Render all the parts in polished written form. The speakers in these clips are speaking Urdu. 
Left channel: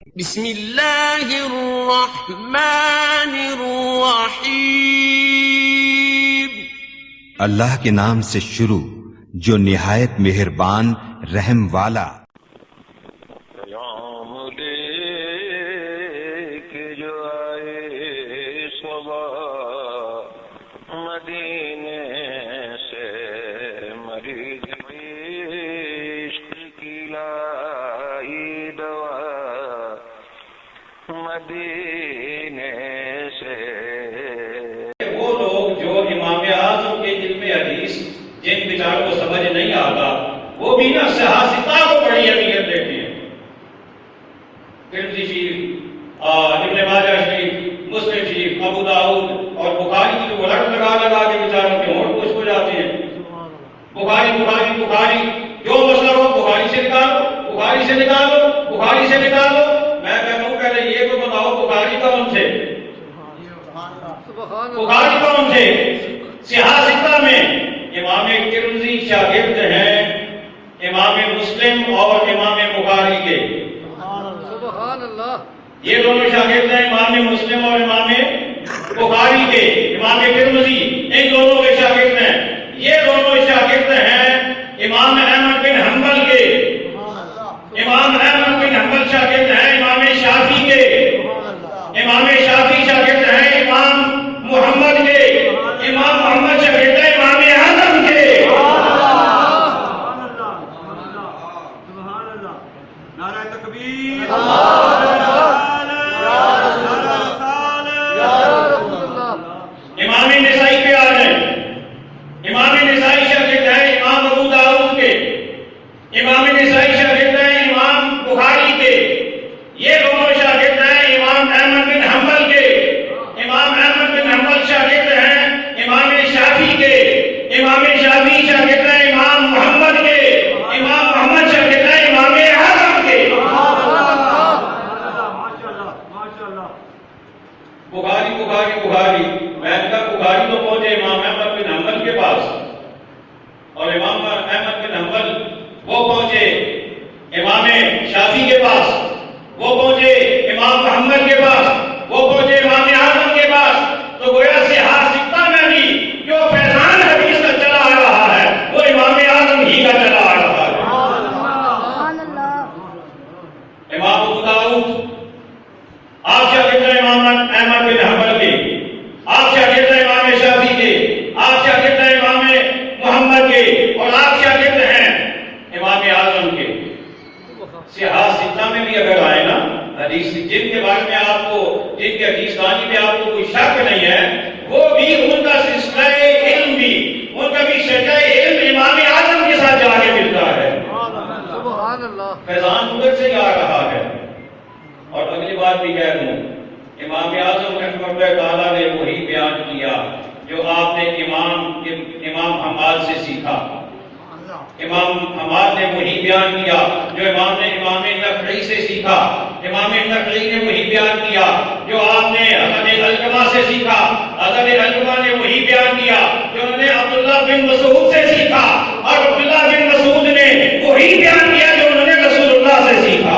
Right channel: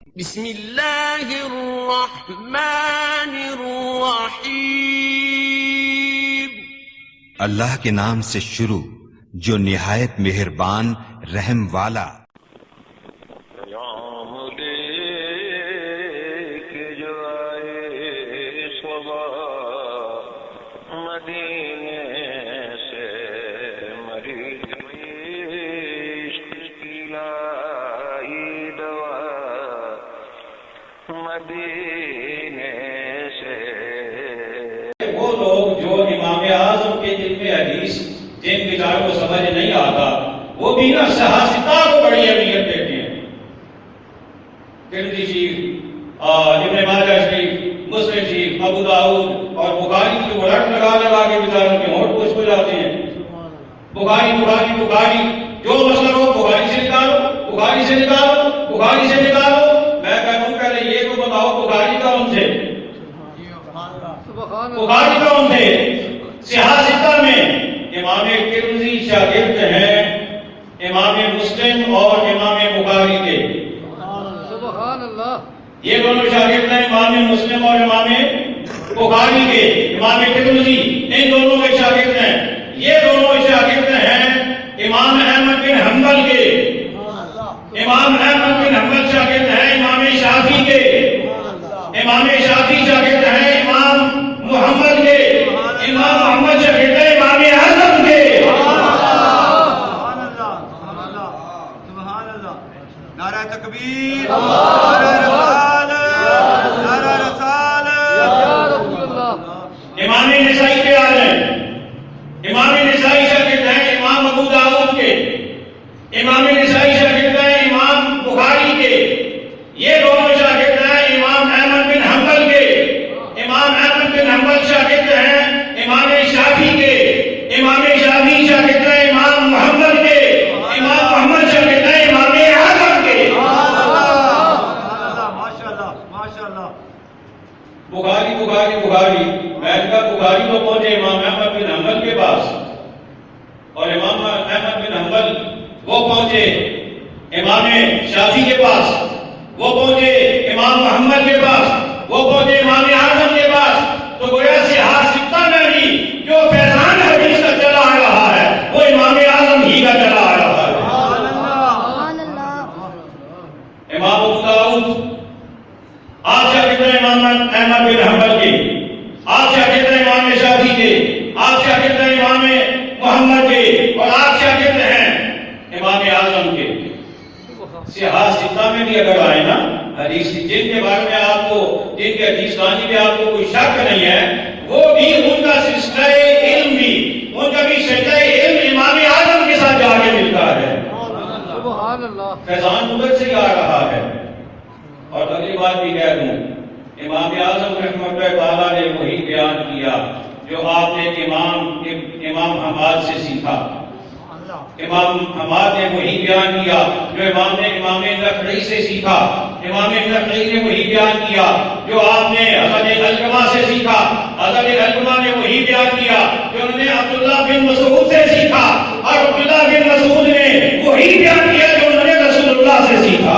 بسم اللہ الرحمن الرحیم۔ اللہ کے نام سے شروع جو نہایت مہربان رحم والا۔ پیام لے کے جو آئے صبح مدینے سے، مریض عشق کی لائی دوا مدینے سے۔ وہ لوگ جو امام اعظم کے علم حدیث جن بیچاروں کو سمجھ نہیں آتا، وہ بھی نا صحافتہ کو بڑی اہمیت دیتے ہیں۔ ترمذی شریف، ابن ماجہ شریف، مسلم شریف، ابو داؤد اور بخاری کی جو الٹ لگا لگا کے بیچاروں کے ہونٹ خشک ہو جاتے ہیں۔ بخاری بخاری بخاری، جو مسئلہ ہو بخاری سے نکالو، بخاری سے نکالو، بخاری سے نکالو۔ میں کہتا ہوں پہلے یہ تو بتاؤ بخاری کون تھے؟ بخاری کون تھے؟ صحافتہ میں امام ترمذی شاگرد ہیں امام مسلم اور امام بخاری کے۔ سبحان اللہ۔ یہ دونوں شاگرد ہیں امام مسلم اور امام بخاری کے۔ امام ترمذی ان دونوں کے شاگرد ہیں۔ یہ دونوں شاگرد ہیں امام احمد بن حنبل کے۔ امام احمد بن حنبل شاگرد ہیں امام شافعی کے۔ امام شافعی شاگرد ہیں امام محمد کے۔ امام محمد شاگرد ہیں امام اعظم کے۔ نعرہ تکبیر، نعرہ رسالت، نعرہ رسالت۔ امام نسائی کے آج ہیں۔ امام نسائی شاگرد ہیں امام ابو داؤد کے۔ امام نسائی شاگرد ہیں امام بخاری کے۔ یہ دونوں شاگرد ہیں امام احمد بن حنبل کے۔ امام احمد بن حنبل شاگرد ہیں امام شافعی کے۔ امام شافعی شاگرد ہیں امام محمد کے۔ امام محمد شاگرد ہیں امام اعظم کے۔ ماشاءاللہ ماشاءاللہ۔ بخاری بخاری بخاری، میں نے کہا بخاری تو پہنچے امام احمد بن حنبل کے پاس، اور امام احمد بن حنبل وہ پہنچے امام شافعی کے پاس، وہ پہنچے امام محمد کے پاس، وہ پہنچے امام اعظم کے پاس۔ تو گویا صحافتہ میں بھی جو فیضان حدیث کا چلا آ رہا ہے وہ امام اعظم ہی کا چلا آ رہا ہے۔ امام ابو داؤد آپ شاگرد ہیں امام احمد بن حنبل کے، آپ شاگرد ہیں امام شافعی کے، آپ شاگرد ہیں امام محمد کے، اور آپ شاگرد ہیں امام اعظم کے۔ صحافتہ میں بھی اگر آئے نا حدیث جن کے بارے میں آپ کو، جن کے حدیث بانی میں آپ کو کوئی شک نہیں ہے، وہ بھی ان کا سلسلہ علم بھی، ان کا بھی شجاع علم امام اعظم کے ساتھ جا کے ملتا ہے۔ سبحان اللہ۔ فیضان ادھر سے ہی آ رہا ہے۔ اور اگلی بات بھی کہہ دوں، امام اعظم رحمۃ اللہ تعالیٰ نے وہی بیان کیا جو آپ نے امام حماد سے سیکھا۔ امام حماد نے وہی بیان کیا جو امام نخعی سے سیکھا۔ امام نخعی نے وہی بیان کیا جو آپ نے حضرت علقمہ سے سیکھا۔ حضرت علقمہ نے وہی بیان کیا جو انہوں نے عبداللہ بن مسعود سے سیکھا، اور عبداللہ بن مسعود نے وہی بیان کیا جو انہوں نے رسول اللہ سے سیکھا۔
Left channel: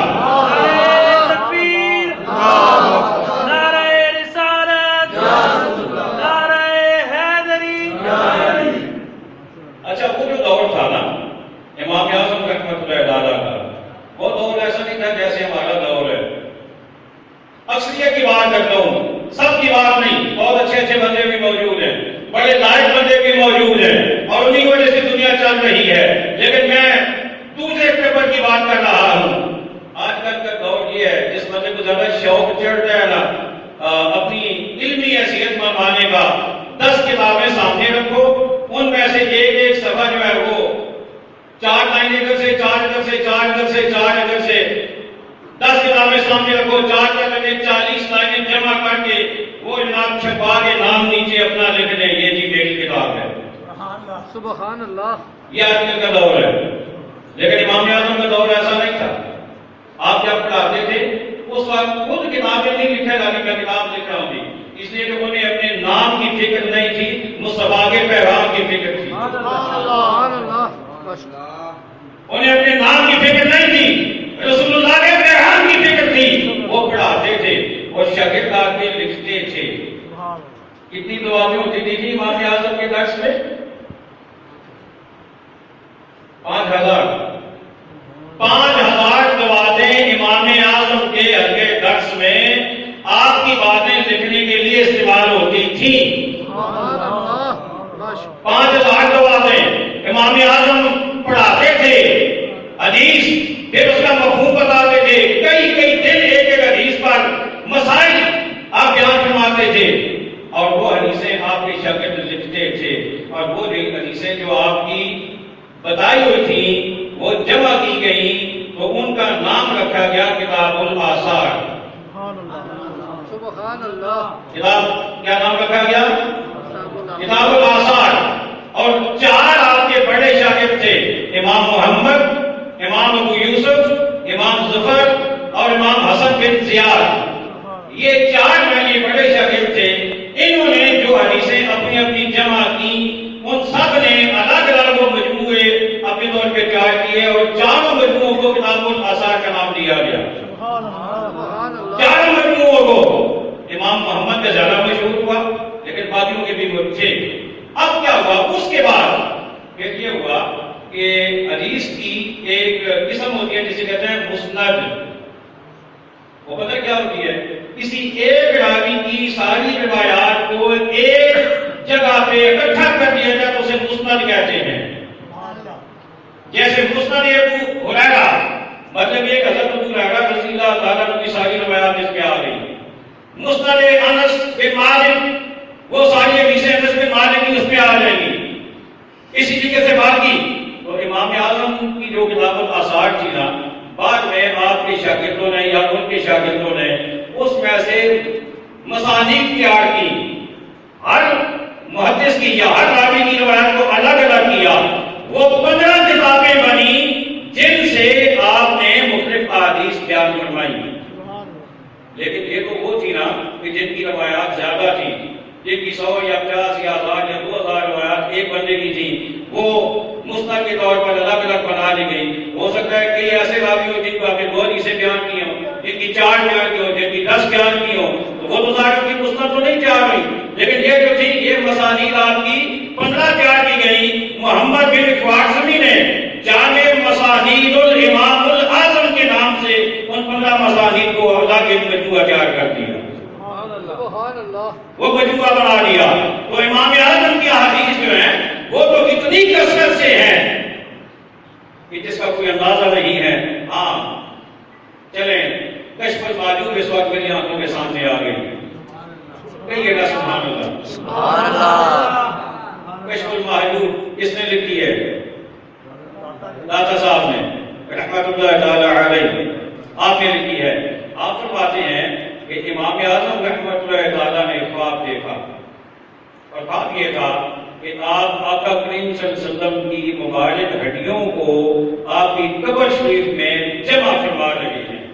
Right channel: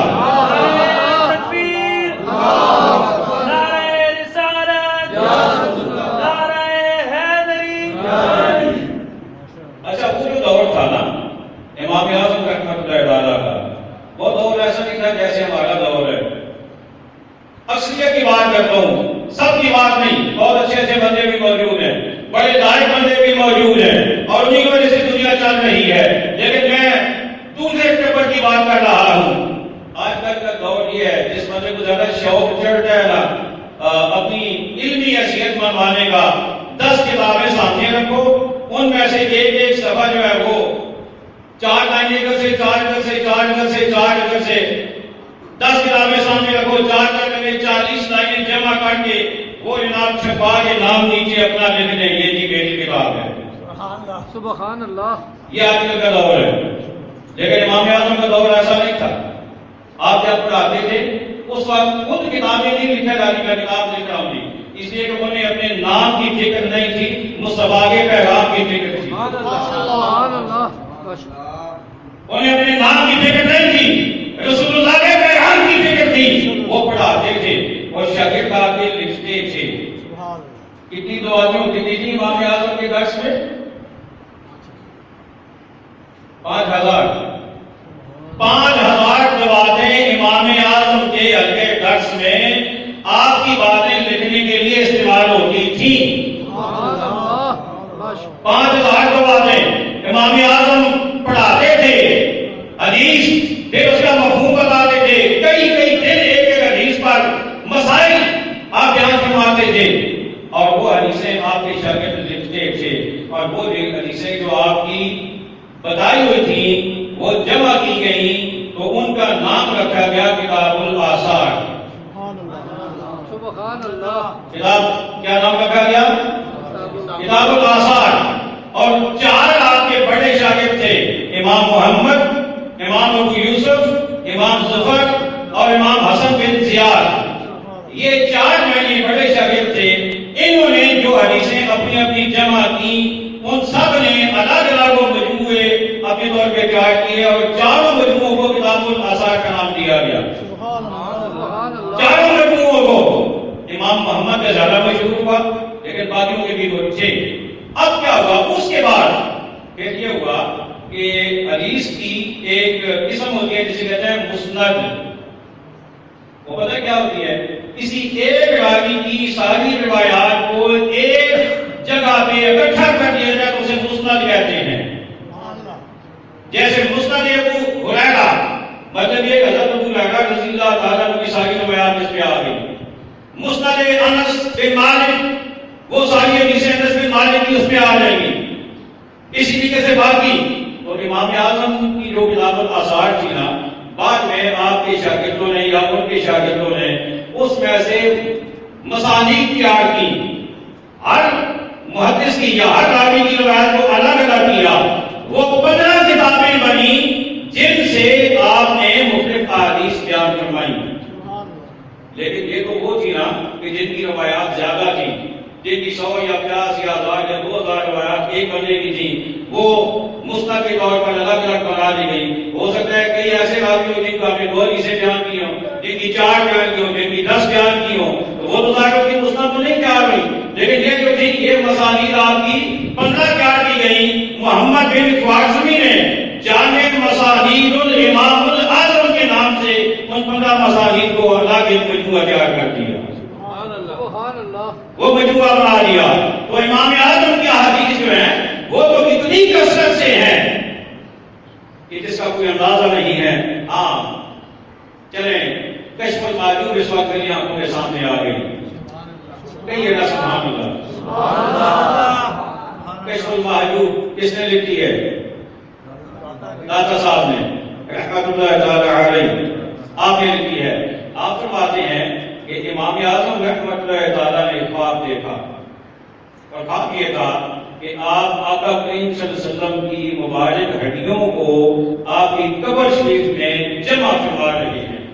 اچھا، وہ جو دور تھا نا امام اعظم رحمۃ اللہ تعالیٰ کا، وہ دور ایسا نہیں تھا جیسے ہمارا دور ہے۔ اکثریت کی بات کرتا ہوں، سب کی بات نہیں، بہت اچھے اچھے بندے بھی موجود ہیں، بڑے لائق بندے بھی موجود ہیں، اور انہی کی وجہ سے دنیا چل رہی ہے۔ لیکن میں دوسرے پیپر کی بات کر رہا ہوں۔ آج کل کا دور یہ ہے جس بندے کو زیادہ شوق چڑھتا ہے نا اپنی علمی حیثیت منوانے کا، 10 کتابیں سامنے رکھو، ان میں سے ایک صفحہ جو ہے وہ 4 لائن ادھر سے 4 ادھر سے 4 ادھر سے 4 ادھر سے، 10 کتابیں سامنے رکھو، 4 جگہ میں 40 لائنیں جمع کر کے وہ جناب چھپا کے نام نیچے اپنا لکھ دیں، یہ جی میری کتاب ہے۔ سبحان اللہ۔ یہ آج کل کا دور ہے، لیکن امام اعظم کا دور ایسا نہیں تھا۔ آپ جب پڑھاتے تھے اس وقت خود کتابیں نہیں لکھے جانے کا کتاب لکھا ہوتی، اس لیے کہ انہیں اپنے نام کی فکر نہیں تھی، مصطفیٰ کے پیغام کی فکر تھی۔ سبحان اللہ۔ انہیں اپنے نام کی فکر نہیں تھی، رسول اللہ کے پیغام کی فکر تھی۔ شاگرد آ کے لکھتے تھے. کتنی دعائیں ہوتی تھی جی امام اعظم کے درس میں؟ 5000 دعائیں امام اعظم کے حلقے درس میں آپ کی باتیں لکھنے کے لیے استعمال ہوتی تھی. سبحان اللہ. 5000 دعائیں امام اعظم پڑھاتے تھے حدیث، پھر اس کا مفہوم بتاتے تھے. کئی دن ایک حدیث پر مسائل آپ بیان فرماتے تھے اور وہ حدیثیں آپ کے شاگرد لکھتے تھے. اور وہ حدیثیں جو آپ کی بتائی ہوئی تھی وہ جمع کی گئی تو ان کا نام رکھا گیا کتاب الآثار. سبحان اللہ. کتاب کیا نام رکھا گیا؟ کتاب الآثار. اور 4 آپ کے بڑے شاگرد تھے، امام محمد، امام ابو یوسف، امام ظفر اور امام حسن بن زیاد. یہ 4 میرے بڑے شاگرد تھے. انہوں نے جو حدیثیں اپنی اپنی جمع کی ان سب نے الگ الگ مجموعے اپنے طور پہ تیار کیے اور 4 مجموعوں کو کتاب الآثار کا نام دیا گیا. سبحان اللہ. 4 مجموعوں کو امام محمد کا زیادہ مشہور ہوا لیکن باقیوں کے بھی وہ تھے. اب کیا ہوا اس کے بعد؟ پھر یہ ہوا کہ حدیث کی ایک قسم ہوتی ہے جسے کہتے ہیں مسند. وہ پتہ کیا ہوتی ہے؟ کسی ایک راوی کی ساری روایات کو ایک جگہ پہ اکٹھا کر دیا جائے تو اسے مسند کہتے ہیں. جیسے مسند ابو ہریرہ، مطلب یہ حضرت ابو ہریرہ رضی اللہ تعالیٰ عنہ کی ساری روایات اس پہ آ گئی. مسند انس بن مالک، وہ ساری حدیثیں انس بن مالک کی اس پہ آ جائیں گی. اسی طریقے سے باقی تو امام اعظم کی جو کتاب الآثار تھی نا، بعد میں آپ کے شاگردوں نے یا ان کے شاگردوں نے اس میں سے مسانید تیار کی. ہر محدث کی یا ہر راوی کی روایت کو الگ الگ کیا. وہ 15 کتابیں بنی جن سے آپ نے مختلف احادیث بیان فرمائی. لیکن یہ تو وہ تھی نا کہ جن کی روایات زیادہ تھی، جن کی 100 یا 50 یا 1000 یا 2000 روایات ایک بندے کی تھی، وہ مسند کے طور پر الگ الگ بنا لی گئی. ہو سکتا ہے کئی ایسے راوی ہو جن کو آپ نے 2 حدیثیں بیان کی ہوں، جن کی 4 بیان کی ہوں، جن کی 10 بیان کی ہوں، تو وہ تو ظاہر کی مسند تو نہیں تیار ہوئی. لیکن یہ جو تھی یہ مسانید آپ کی 15 تیار کی گئی. محمد بن خوارزمی نے جامع مسانید الامام الاعظم کے نام سے ان 15 مسانید کو الگ ایک مجموعہ تیار کر دیا. سبحان اللہ. وہ مجموعہ بنا دیا. تو امام اعظم کی احادیث جو ہیں وہ تو اتنی کثرت سے ہیں کہ جس کا کوئی اندازہ نہیں ہے. ہاں چلیں، کشف المحجوب اس وقت میری آنکھوں کے سامنے آ گئی. کہیے نا سبحان اللہ. سبحان اللہ. کشف المحجوب کس نے لکھی ہے؟ داتا صاحب نے رحمت اللہ تعالی علیہ، آپ نے لکھی ہے. آپ فرماتے ہیں کہ امام اعظم رحمت اللہ تعالی نے خواب دیکھا اور خواب یہ تھا کہ آپ آقا کریم صلی اللہ علیہ وسلم کی مبارک ہڈیوں کو آپ کی قبر شریف میں جمع فرما رہے ہیں.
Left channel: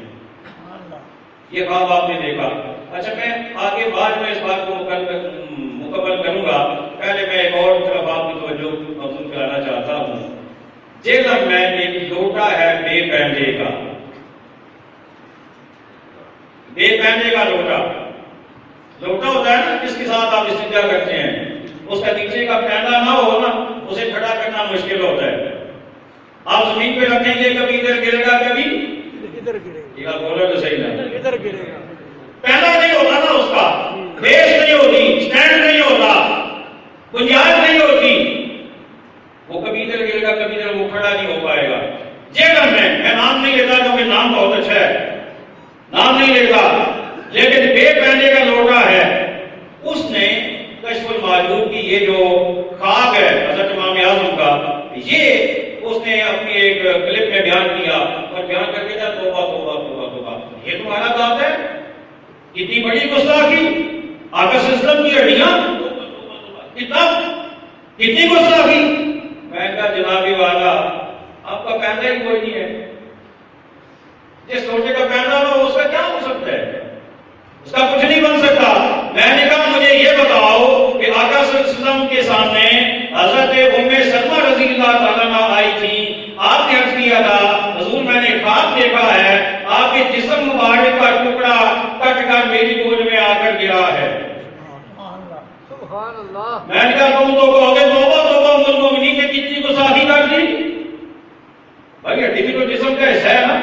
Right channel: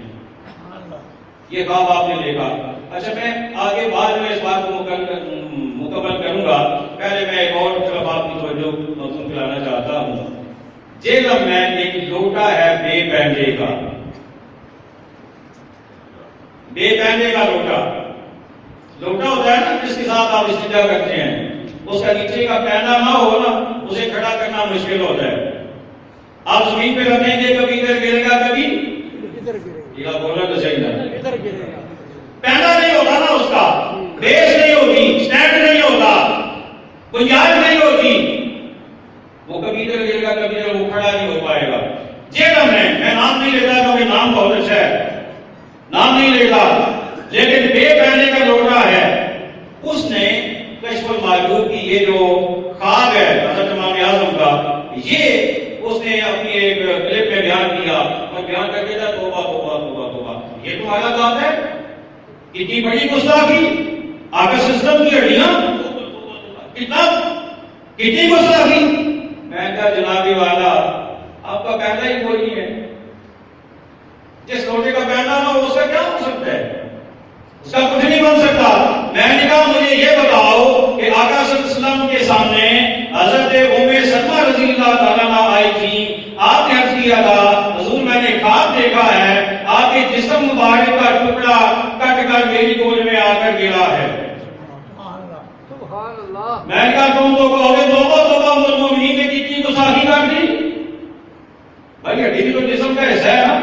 یہ خواب آپ نے دیکھا. اچھا میں آگے بعد میں اس بات کو مکمل کروں گا. پہلے میں ایک اور طرف آپ کی توجہ مبذول کرانا چاہتا ہوں. جیلم میں ایک لوٹا ہے بے پیندے کا، بے پیندے کا لوٹا. لوٹا ہوتا ہے نا جس کے ساتھ آپ استنجا کرتے ہیں، اس کا نیچے کا پیندہ نہ ہو نا اسے کھڑا کرنا مشکل ہوتا ہے. آپ زمین پہ رکھیں گے کبھی ادھر گرے گا کبھی ادھر گرے گا. یہ بولا تو صحیح نہیں، ادھر گرے گا. پیندہ نہیں ہوتا نا، اس کا بیس نہیں ہوتی، سٹینڈ نہیں ہوتا، گنجائش نہیں ہوتی. وہ کبھی ادھر گرے گا کبھی ادھر، وہ کھڑا نہیں ہو پائے گا. جیلم میں نام نہیں لیتا کیونکہ نام بہت اچھا ہے، نام نہیں لیتا، لیکن بے پیندے کا لوٹا ہے. اس نے کشف المحجوب کی یہ جو خواب ہے حضرت امام اعظم کا، یہ اس نے اپنی ایک کلپ میں بیان کیا اور بیان کر کے کہا توبہ توبہ توبہ توبہ. یہ تمہارا ذات ہے؟ اتنی بڑی گستاخی، آقا سسٹم کی ہڈیاں، کتنی گستاخی. میں کہا جنابی والا آپ کا پیندہ ہی کوئی نہیں ہے. جس لوٹے کا پیندہ نہ ہو اس کا کیا ہو سکتا ہے؟ اس کا کچھ نہیں بن سکتا. میں نے کہا مجھے یہ بتاؤ کہ آقا صلی اللہ علیہ وسلم کے سامنے حضرت ام سلمہ رضی اللہ تعالیٰ عنہ آئی تھی. آپ نے عرض کیا تھا حضور میں نے خواب دیکھا ہے آپ کے جسم مبارک کا ٹکڑا کٹ کر میری گود سبحان اللہ میں نے کہا تم تو کہو گے توبہ ام المومنین نے کتنی گستاخی کر دی. بھائی ہڈی بھی تو جسم کا حصہ ہے نا,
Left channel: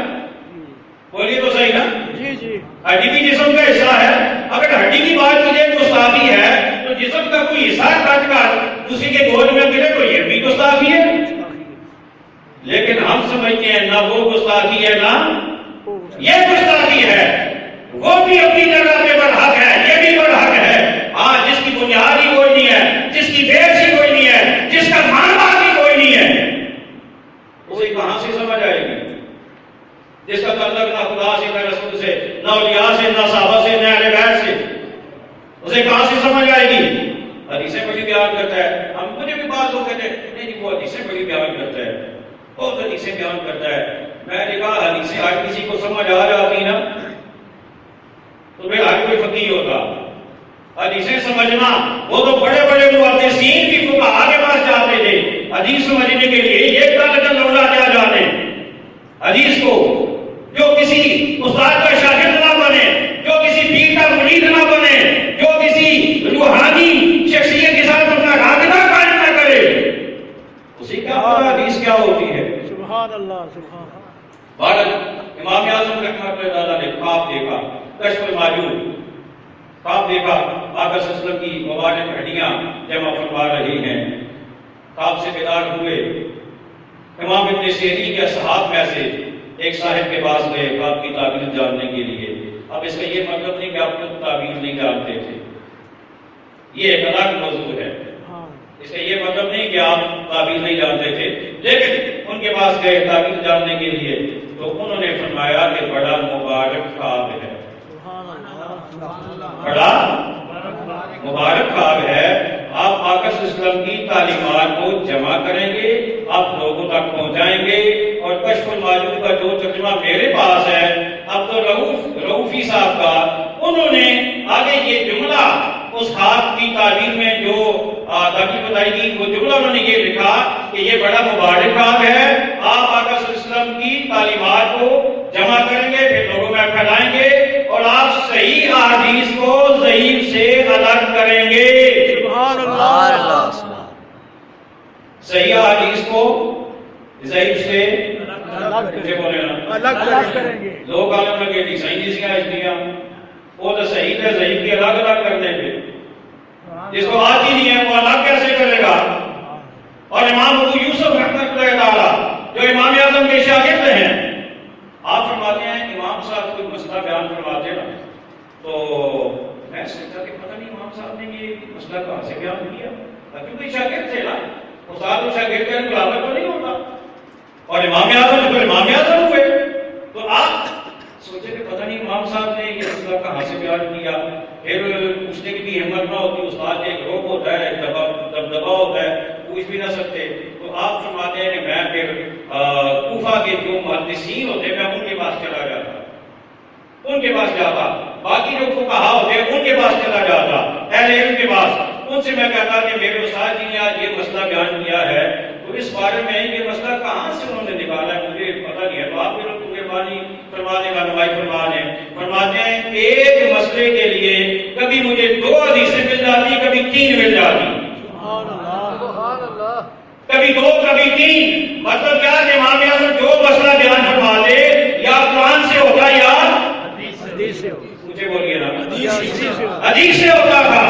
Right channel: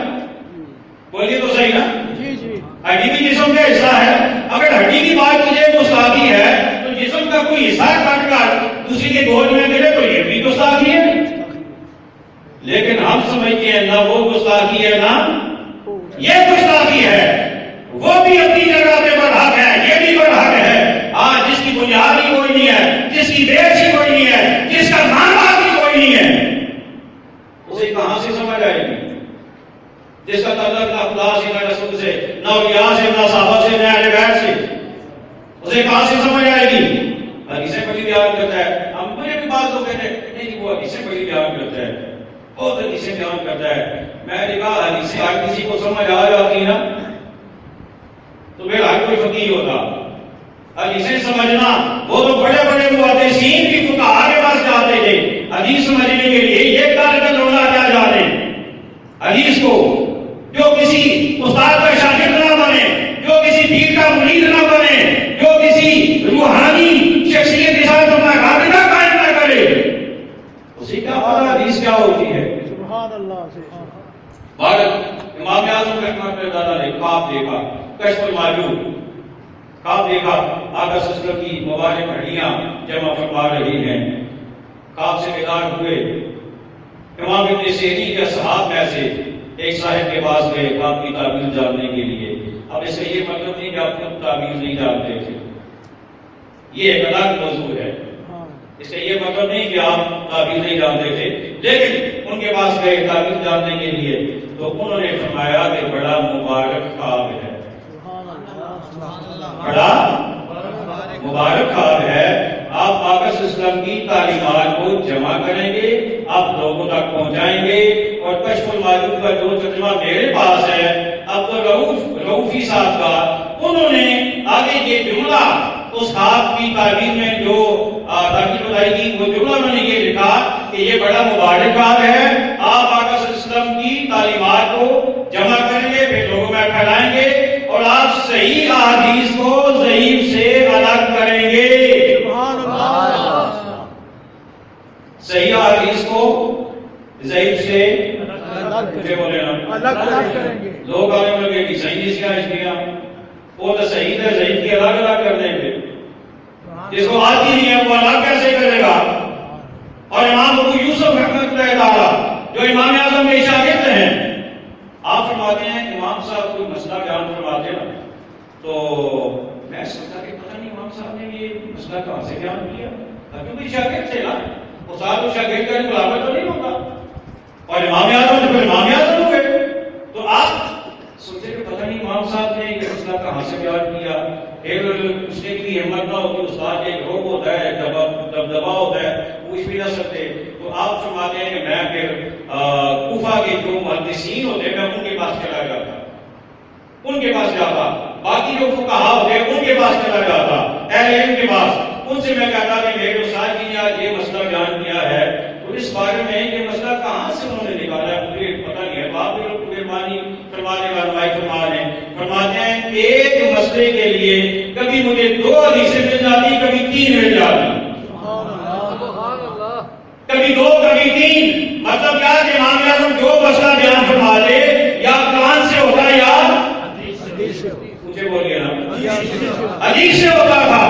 بولیے تو صحیح نا, جی جی ہڈی بھی جسم کا حصہ ہے. اگر ہڈی کی بات کیجیے گستاخی ہے تو جسم کا کوئی حصہ کٹ کر دوسری کے گود میں ملے تو یہ بھی گستاخی ہے. لیکن ہم سمجھتے ہیں نہ وہ گستاخی ہے نہ یہ گستاخی ہے. وہ بھی اپنی جگہ پہ برحق ہے, یہ بھی برحق ہے. ہاں, جس کی بنیاد ہی کوئی نہیں ہے, جس کی بیس ہی کوئی نہیں ہے, جس کا معنی بھی کوئی نہیں ہے, اسے کہاں سے سمجھ آئے گی؟ جس کا تعلق نہ خدا سے, نہ رسول سے, نہ اولیاء سے, نہ صحابہ سے, نہ اہل بیت سے, اسے کہاں سے سمجھ آئے گی؟ حدیثیں بڑی بیان کرتا ہے. ہم مجھے بھی بعض لوگ کہتے ہیں نہیں جی وہ حدیثیں بڑی بیان کرتا ہے, بہت حدیثیں بیان کرتا ہے. میں نے کہا حدیثیں اگر کسی کو سمجھ آ جاتی نا تو پھر ہر کوئی فقیہ ہوتا. حدیثیں سمجھنا وہ تو بڑے بڑے محدثین بھی فقہا کے پاس جاتے تھے حدیث سمجھنے کے لیے. یہ کل لولا کیا جانے حدیث کو, جو کسی استاد کا شاگرد نہ بنے, جو کسی پیر کا مرید نہ بنے, جو کسی روحانی شخصیت کے ساتھ اپنا رابطہ قائم نہ کرے, اسی کا پتہ حدیث کیا ہوتی ہے. سبحان اللہ سبحان اللہ. بھارت امام اعظم رحمۃ اللہ علیہ نے خواب دیکھا, کشف الماجوب خواب دیکھا. آقا صلی اللہ علیہ وسلم کی مبارک ہڈیاں جمع فرما رہی ہیں. خواب سے بیدار ہوئے. امام ابن سیرین کے اصحاب میں سے ایک صاحب کے پاس گئے خواب کی تعبیر جاننے کے لیے. اب اس کا یہ مطلب نہیں کہ آپ خود تعبیر نہیں جانتے تھے, یہ ایک الگ موضوع ہے. اس کا یہ مطلب نہیں کہ آپ تعبیر نہیں جانتے تھے, لیکن ان کے پاس گئے تعبیر جاننے کے لیے تو انہوں نے فرمایا کہ بڑا مبارک خواب ہے, بڑا مبارک خواب ہے. آپ آقا صلی اللہ علیہ وسلم کی تعلیمات کو جمع کریں گے, آپ لوگوں تک پہنچائیں گے. اور کشف الماجوب کا جو ترجمہ میرے پاس ہے عبدالرؤوفی صاحب کا, انہوں نے آگے یہ جملہ اس خواب کی تعبیر میں جو تعبیر بتائی گی وہ جملہ انہوں نے یہ لکھا کہ یہ بڑا مبارک خواب ہے. آپ آقا صلی اللہ علیہ وسلم کی تعلیمات کو جمع کریں گے, پھر لوگوں میں پھیلائیں گے, اور آپ صحیح احادیث کو ضعیف سے الگ کریں گے. سبحان اللہ. صحیح احادیث کو ضعیف سے الگ کریں گے. لوگ عالم لگے کہ صحیح اس کا اشتیا وہ تو صحیح ہے, ضعیف کے الگ الگ کر دیں گے. جس کو آتی نہیں ہے وہ الگ کیسے کرے گا؟ اور امام ابو یوسف رحمۃ اللہ تعالی جو امام اعظم کے شاگرد ہیں, آپ فرماتے ہیں امام صاحب کوئی مسئلہ بیان فرماتے نا تو میں سوچا کہ پتہ نہیں امام صاحب نے یہ مسئلہ کہاں سے بیان کیا, کیونکہ شاگرد تھے نا, استاد و شاگرد کا مقابلہ تو نہیں ہوتا. اور امام اعظم ہوئے تو آپ سوچے کہ پتہ نہیں امام صاحب نے یہ مسئلہ کہاں سے بیان کیا. پھر پوچھنے کی بھی ہمت نہ ہوتی, استاد ایک روب ہوتا ہے, دبدبا ہوتا ہے, پوچھ بھی نہ سکتے. تو آپ فرماتے ہیں کہ میں پھر کوفہ کے جو محدثین ہوتے ہیں میں ان کے پاس چلا جاتا, ان کے پاس جاتا. باقی جو فقہا ہوتے ہیں ان کے پاس چلا جاتا, اہل علم کے پاس. ان سے میں کہتا کہ میرے استاد جی نے آج یہ مسئلہ بیان کیا ہے, تو اس بارے میں یہ مسئلہ کہاں سے انہوں نے نکالا ہے مجھے پتہ نہیں ہے. تو آپ مہربانی فرمانے کا رہنمائی فرماتے ہیں ایک مسئلے کے لیے کبھی مجھے 2 حدیثیں مل جاتی, کبھی 3 مل جاتی, کبھی 2 کبھی 3. مطلب کیا کہ امام اعظم جو مسئلہ بیان فرما دے یا قرآن سے ہوتا یا حدیث سے, مجھے بولیے نا حدیث سے ہوتا تھا.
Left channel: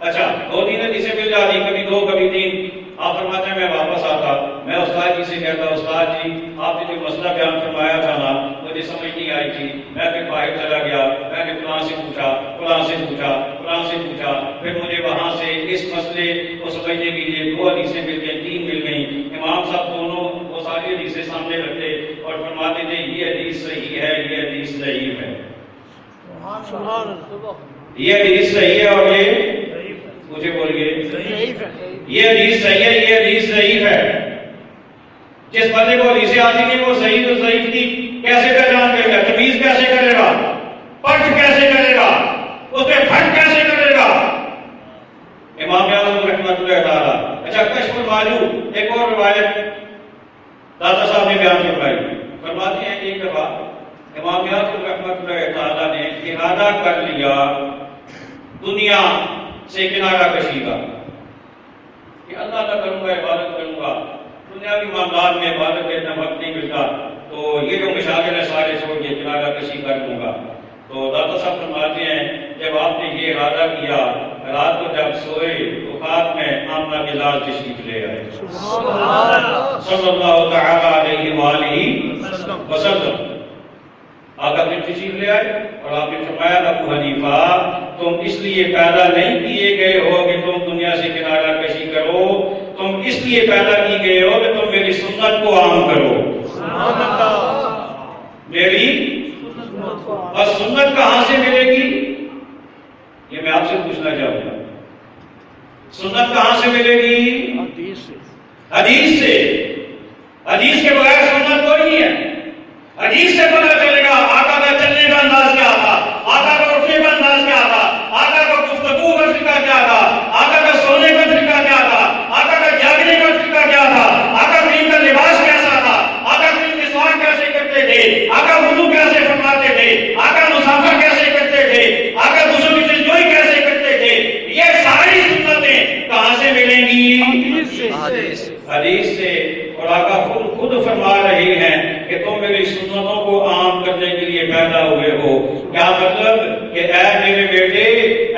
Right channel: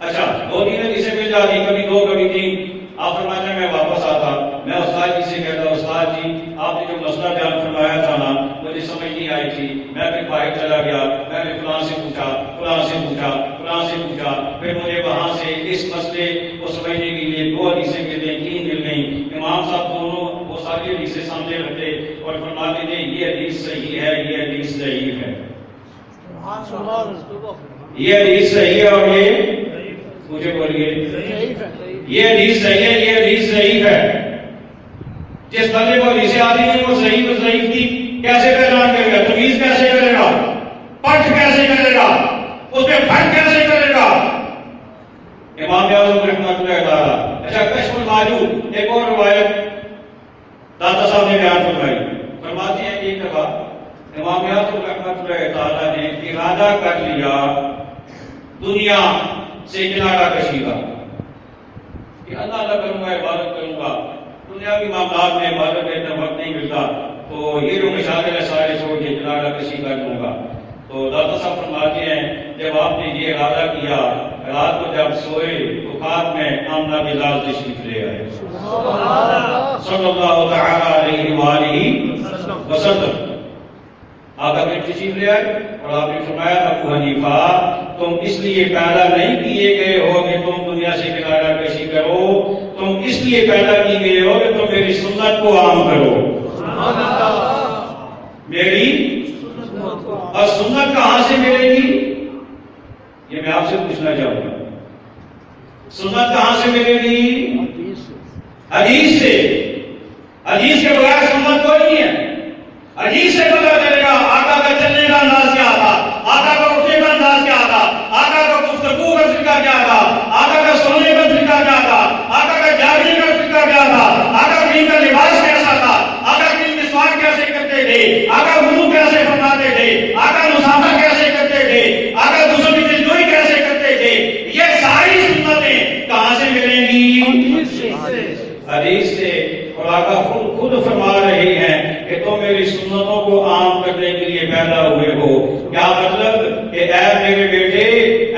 اچھا 2-3 حدیثیں مل جاتی, کبھی 2 کبھی 3. آپ فرماتے ہیں میں واپس آتا, میں استاد جی سے کہتا استاد جی آپ نے جو مسئلہ بیان فرمایا تھا نا مجھے سمجھ نہیں آئی تھی, میں پھر باہر چلا گیا, میں نے فلاں سے پوچھا, پھر مجھے وہاں سے اس مسئلے کو سمجھنے کے لیے 2 حدیثیں مل گئیں, 3 مل گئیں. امام صاحب دونوں وہ ساری حدیثیں سامنے رکھتے اور فرماتے تھے یہ حدیث صحیح ہے, یہ حدیث ضعیف ہے, یہ حدیث صحیح ہے اور یہ مجھے بولیے یہ حدیث صحیح ہے, یہ حدیث ضعیف ہے. جس بندے کو حدیثیں آتی نہیں وہ صحیح تو ضعیف کی کیسے پہچان کرے گا, تمیز کیسے کرے گا, پٹھ کیسے کرے گا, اس پہ پھٹ کیسے کرے گا؟ امام اعظم رحمۃ اللہ تعالی. اچھا کشف الماجوب ایک اور روایت دادا صاحب نے بیان فرمائی, فرماتے ہیں ایک دفعہ امام اعظم رحمۃ اللہ تعالی نے ارادہ کر لیا دنیا سے کنارہ کشی کا کہ اللہ اللہ کروں گا، عبادت کروں گا، دنیاوی معاملات میں عبادت کا اتنا وقت نہیں ملتا، تو یہ جو مشاغل ہے سارے چھوڑ کے کنارہ کشی کر لوں گا۔ تو داتا صاحب فرماتے ہیں جب آپ نے یہ ارادہ کیا، رات کو جب سوئے تو خواب میں آمنہ کے لال تشریف لے آئے صلی اللہ تعالی علیہ وآلہ وسلم۔ آقا نے تشریف لے آئے اور آپ نے فرمایا ابو حنیفہ تم اس لیے پیدا نہیں کیے گئے ہو کہ تم دنیا سے کنارہ کشی کرو، تم اس لیے پیدا کی گئے ہو کہ تم میری سنت کو عام کرو۔ میری اور سنت کہاں سے ملے گی؟ یہ میں آپ سے پوچھنا چاہوں گا، سنت کہاں سے ملے گی؟ حدیث سے۔ حدیث سے۔ حدیث کے بغیر سنت کوئی نہیں ہے۔ حدیث سے پتہ چلے گا آقا کا چلنے کا انداز کیا تھا، آقا کا اٹھنے کا انداز کیا تھا، آقا کا گفتگو کا طریقہ کیا تھا، آقا کا سونے کا طریقہ کیا تھا، آقا کا جاگنے کا طریقہ کیا تھا، آقا کریم کا لباس کیسا تھا، آقا کریم مسواک کیسے کرتے تھے، آقا وضو کیسے فرماتے تھے، آقا مسافر کیسے کرتے تھے، آقا دوسروں کی دلجوئی کیسے کرتے تھے، یہ ساری سنتیں کہاں سے ملیں گی؟ حدیث سے۔ حدیث سے۔ اور آقا خود فرما رہے ہیں کہ تم میری سنتوں کو عام کرنے کے لیے پیدا ہوئے ہو۔ کیا مطلب کہ اے میرے بیٹے،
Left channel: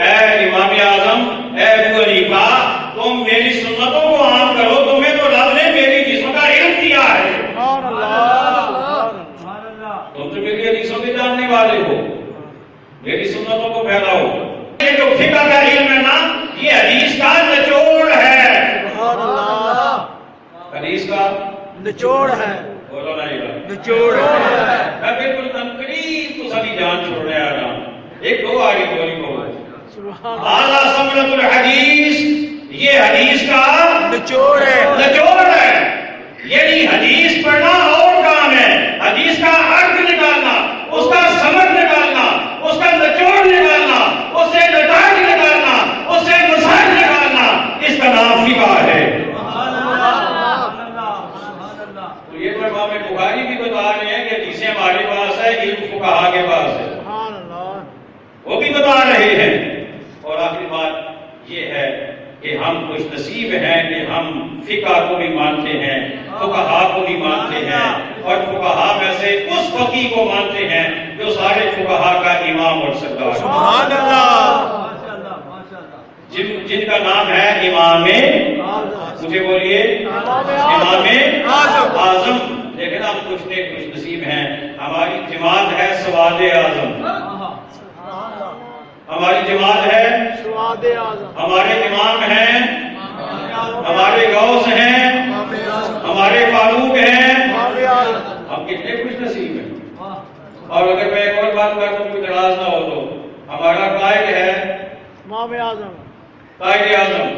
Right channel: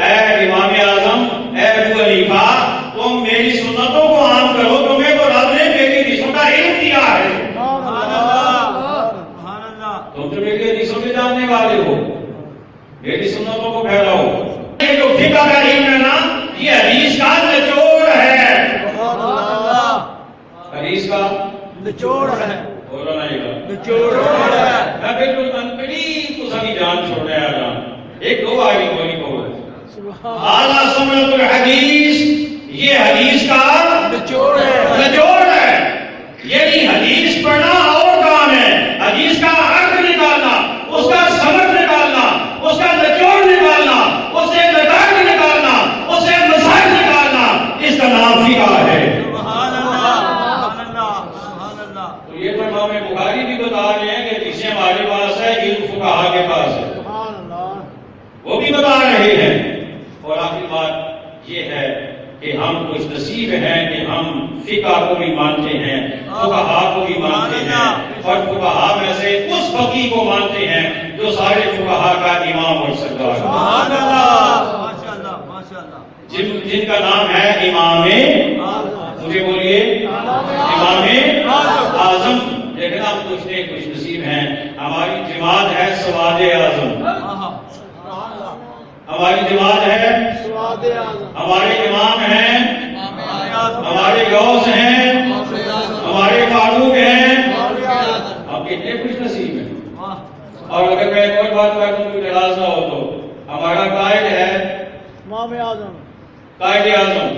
اے امام اعظم، اے ابو حنیفہ، تم میری سنتوں کو عام کرو، تمہیں تو رب نے میری حدیثوں کا علم دیا ہے، سبحان اللہ۔ تم تو میری حدیثوں کے جاننے والے ہو، میری سنتوں کو پھیلاؤ۔ یہ جو فقہ کا علم ہے نا، یہ حدیث کا نچوڑ ہے، سبحان اللہ۔ حدیث کا نچوڑ ہے، بولو نا یہ بات۔ نچوڑ ہے۔ میں بالکل انقریب تو ساری جان چھوڑنے آ رہا ہوں، ایک دو آگے بولی کو سبحان اعلیٰ سمرت الحدیث، یہ حدیث کا نچوڑ ہے۔ نچوڑ ہے۔ یعنی حدیث پڑھنا اور کام ہے، حدیث کا عرض نکالنا، اس کا سمجھ نکالنا، اس کا نچوڑ نکالنا، اس سے نتائج نکالنا، اس سے مسائل نکالنا، اس کا نام فقہ ہے۔ تو یہ تو امام بخاری بھی بتا رہے ہیں کہ حدیثیں ہمارے پاس ہے، علم فقہا کے پاس ہے، سبحان اللہ۔ وہ بھی بتا رہے ہیں۔ اور آخری بات یہ ہے کہ ہم خوش نصیب ہیں کہ ہم فقہ کو بھی مانتے ہیں، فقہا کو بھی مانتے ہیں، اور فقہا میں سے اس فقیہ کو مانتے ہیں جو سارے فقہا کا امام اور سردار ہے، سبحان اللہ۔ جن کا نام ہے امام، مجھے بولیے امام اعظم۔ لیکن ہم کچھ خوش نصیب ہیں، ہماری جماعت ہے سواد اعظم، ہماری جماعت ہے سواد اعظم۔ ہمارے امام ہیں، ہمارے غوث ہیں، ہمارے فاروق ہیں، ہم کتنے خوش نصیب ہیں۔ اور اگر میں ایک اور بات کر دوں کوئی اعتراض نہ ہو تو ہمارا قائد ہے امام اعظم، قائد اعظم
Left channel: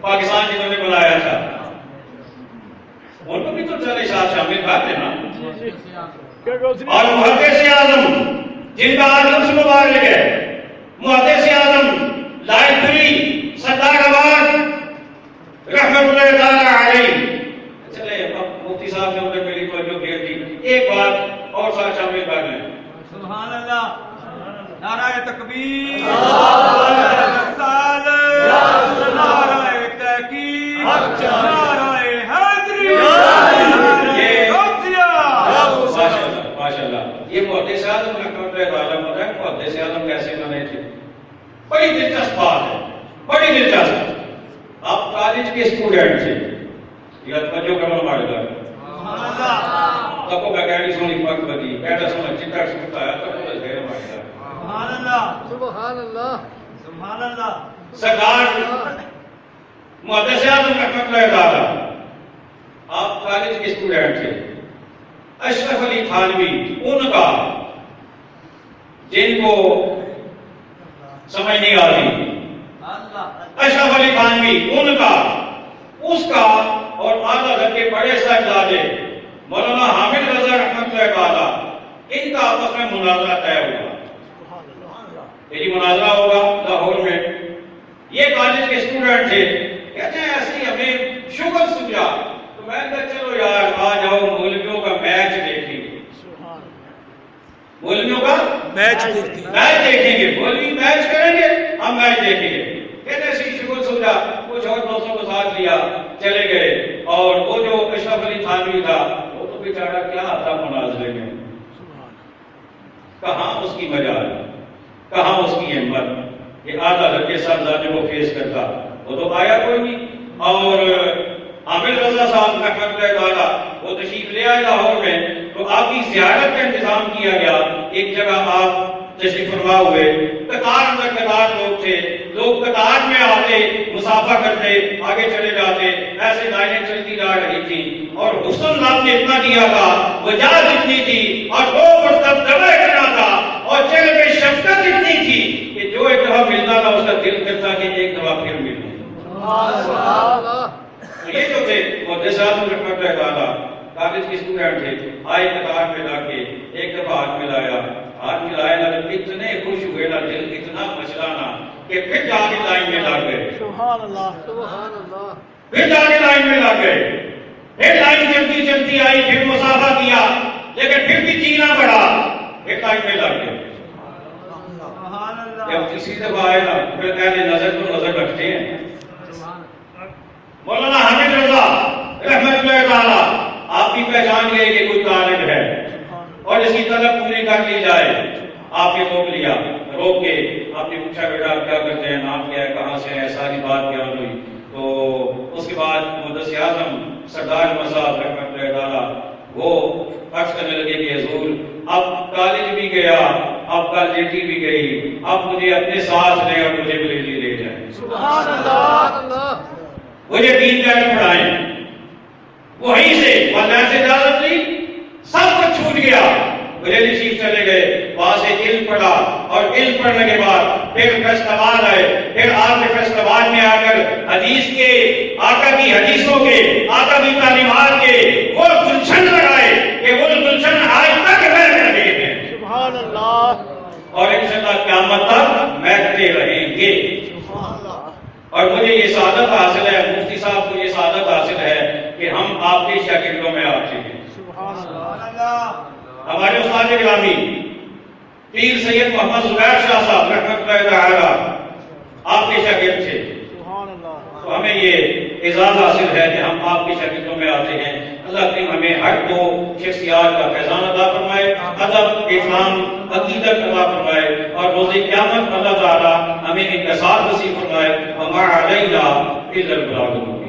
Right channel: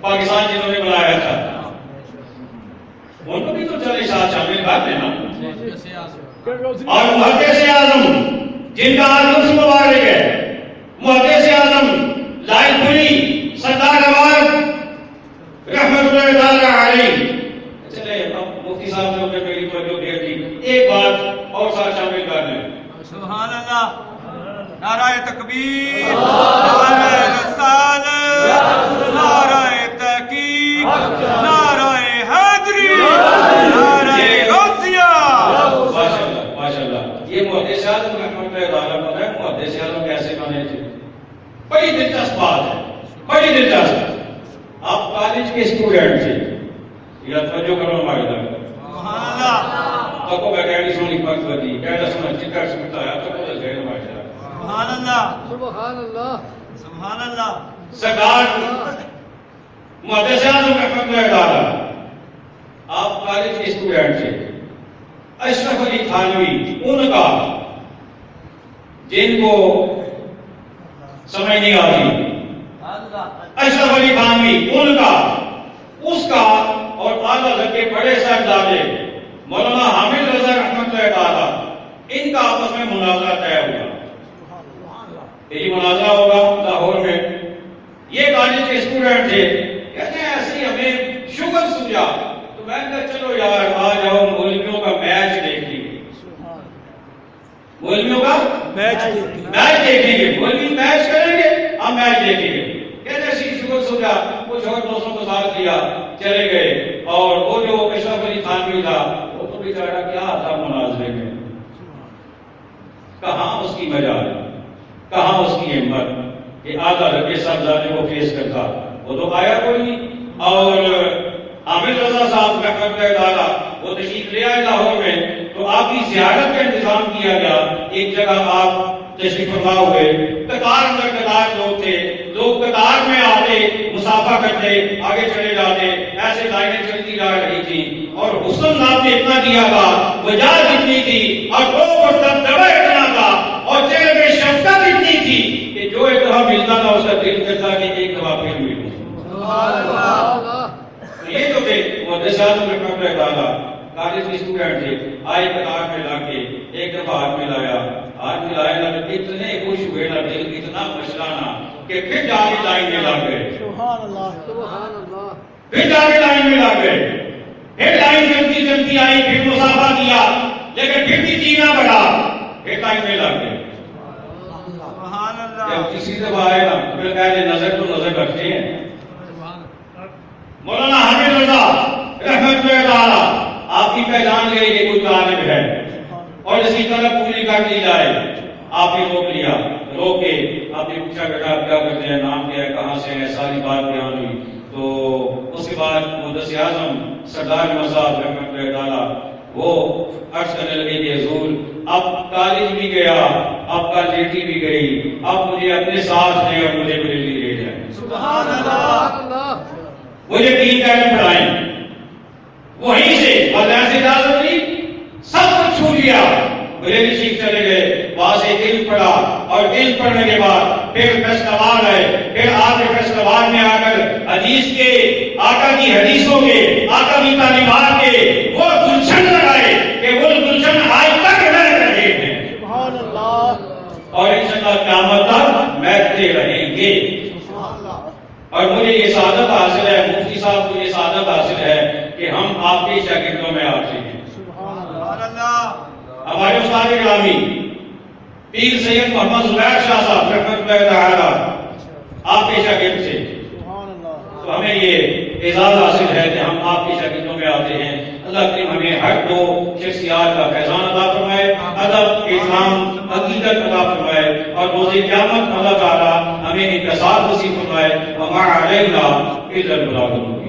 پاکستان جنہوں نے بلایا تھا، ان کو بھی تو چلے ساتھ شامل کر لینا۔ اور محدث اعظم جن کا آج لفظ مبارک ہے، محدث اعظم لائٹ پلی سردار آباد رحمت اللہ تعالی علیہ۔ چلے اب مفتی صاحب نے اگر میری توجہ دے دی، ایک بات اور ساتھ شامل کر لیں۔ سبحان اللہ، نعرہ تکبیر، نعرہ رسالت، نعرہ تحقیق، نعرہ حیدری، نعرہ غوثیہ۔ ماشاءاللہ، یہ محدث اعظم رحمت اللہ تعالی پتہ ہے محدث اعظم کیسے بنے تھے؟ بڑی دلچسپ بات ہے، بڑی دلچسپ۔ آپ کالج کے اسٹوڈنٹ تھے، یہ توجہ کرو ہمارے در سبحان اللہ، تکو کا کہڑی سونی پاک بدی کہڑا سمجھ چکر سمجھتا ہے تکو کا غیر ہمارے در سبحان اللہ، سبحان اللہ۔ سبحان اللہ۔ سردار محدث اعظم رحمت اللہ تعالی، آپ کالج کے اسٹوڈنٹ تھے، اشرف علی تھانوی ان کا، جن کو سمجھ نہیں آتی، اشرف علی تھانوی ان کا، اس کا اور اعلیٰ حضرت کے بڑے صاحبزادے مولانا حامد رضا رحمت اللہ تعالی، ان کا آپس میں مناظرہ طے ہوا۔ یہ مناظرہ ہوگا لاہور میں، یہ کالج کے اسٹوڈنٹ تھے، کہتے ہیں ایسی ہمیں شوگر سمجھا، تو میں نے کہا چلو یار آ جاؤ مولویوں کا میچ دیکھیں گے، مولویوں کا میچ میچ دیکھیں گے، مولوی میچ کریں گے ہم میچ دیکھیں گے۔ کہتے ہیں شکر سمجھا، کچھ اور دوستوں کو ساتھ لیا، چلے گئے. اور وہ جو اشرف علی تھانوی تھا وہ تو بیچارہ کیا تھا مناظرے میں، کہاں اس کی مجال، کہاں اس کی ہمت کہ آدھا لڑکے صاحبزادے کو فیس کرتا، وہ تو آیا کوئی نہیں. اور عامر رضا صاحب رحمۃ اللہ تعالیٰ وہ تشریف لے آئے لاہور میں، تو آپ کی زیارت کا انتظام کیا گیا. ایک جگہ آپ تشریف فرما ہوئے، قطار اندر قطار لوگ تھے، لوگ قطار میں آتے، مسافہ کرتے، آگے چلے جاتے، ایسے لائنیں چلتی جا رہی تھی. اور حسن صاحب نے اتنا دیا تھا، وجہ اتنی تھی، اور لوگ پر دبدبہ اتنا تھا، اور چہرے پہ شفقت اتنی تھی کہ جو ایک دفعہ ملتا تھا اس کا دل کرتا کہ ایک دفعہ پھر ملوں. یہ جو تھے محدث صاحب رحمۃ اللہ تعالیٰ کالج کے اسٹوڈنٹ تھے، آئے قطار میں لا کے ایک دفعہ ہاتھ ملایا، ہاتھ ملایا نہ اتنے خوش ہوئے نہ دل اتنا مچلانا کہ پھر جا کے لائن میں لگ گئے. سبحان اللہ سبحان اللہ. پھر جا کے لائن میں لگ گئے، پھر لائن چلتی چلتی آئی، پھر مسافہ کیا، لیکن پھر بھی جینا پڑا، پھر لائن میں لگ گئے. سبحان اللہ. جب تیسری دفعہ آئے نا پھر کہتے نظر تو نظر رکھتے ہیں. مولانا حامد رضا رحمۃ اللہ تعالیٰ آپ کی پہچان گئی کہ کوئی طالب ہے اور اس کی طلب پوری کر لی جائے. آپ نے روک لیا، روک کے آپ نے پوچھا بیٹا آپ کیا کرتے ہیں، نام کیا ہے، کہاں سے ہے، ساری بات بیان ہوئی. تو اس کے بعد محدث اعظم سردار احمد صاحب رحمۃ اللہ تعالیٰ وہ عرض کرنے لگے کہ حضور اب کالج بھی گیا، اب کالجیٹی بھی گئی، اب مجھے اپنے ساتھ لیں اور مجھے بریلی لے جائیں. سبحان اللہ. وہ یقین کر کے پڑھائیں. وہیں سے والدین سے اجازت دی، سب کچھ چھوٹ گیا. بریلی شریف چلے گئے، وہاں سے علم پڑھا، اور علم پڑھنے کے بعد پھر فیصل آباد آئے. پھر آپ نے فیصل آباد میں آ کر حدیث کے آقا کی حدیثوں کے آقا کی تعلیمات کے وہ گلشن لگائے کہ وہ گلشن آج تک رہ رہے ہیں. سبحان اللہ. اور انشاءاللہ قیامت تک محکتے رہیں گے. اور مجھے یہ سعادت حاصل ہے، مفتی صاحب کو یہ سعادت حاصل ہے کہ ہم آپ کے شاگردوں میں آتے ہیں. سبحان سبحان اللہ. اللہ. ہمارے استاد گرامی پیر سید محمد زبیر شاہ صاحب رحمۃ اللہ تعالیٰ آپ کے شاگرد تھے. سبحان اللہ. تو ہمیں یہ اعزاز حاصل ہے کہ ہم آپ کی شاگردوں میں آتے ہیں. اللہ کریم ہمیں ہر دو شخصیات کا فیضان عطا فرمائے، ادب، احترام، عقیدت عطا فرمائے، اور روز قیامت اللہ تعالیٰ ہمیں انکسار نصیب فرمائے. وما علینا الا البلاغ المبین.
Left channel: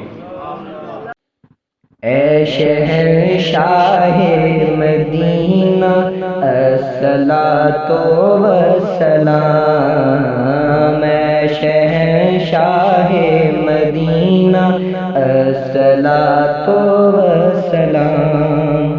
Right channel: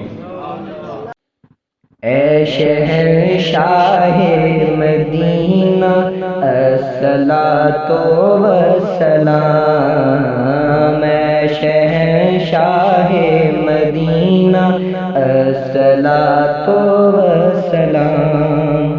اے شہنشاہ مدینہ الصلاۃ والسلام، اے شہنشاہ مدینہ الصلاۃ والسلام.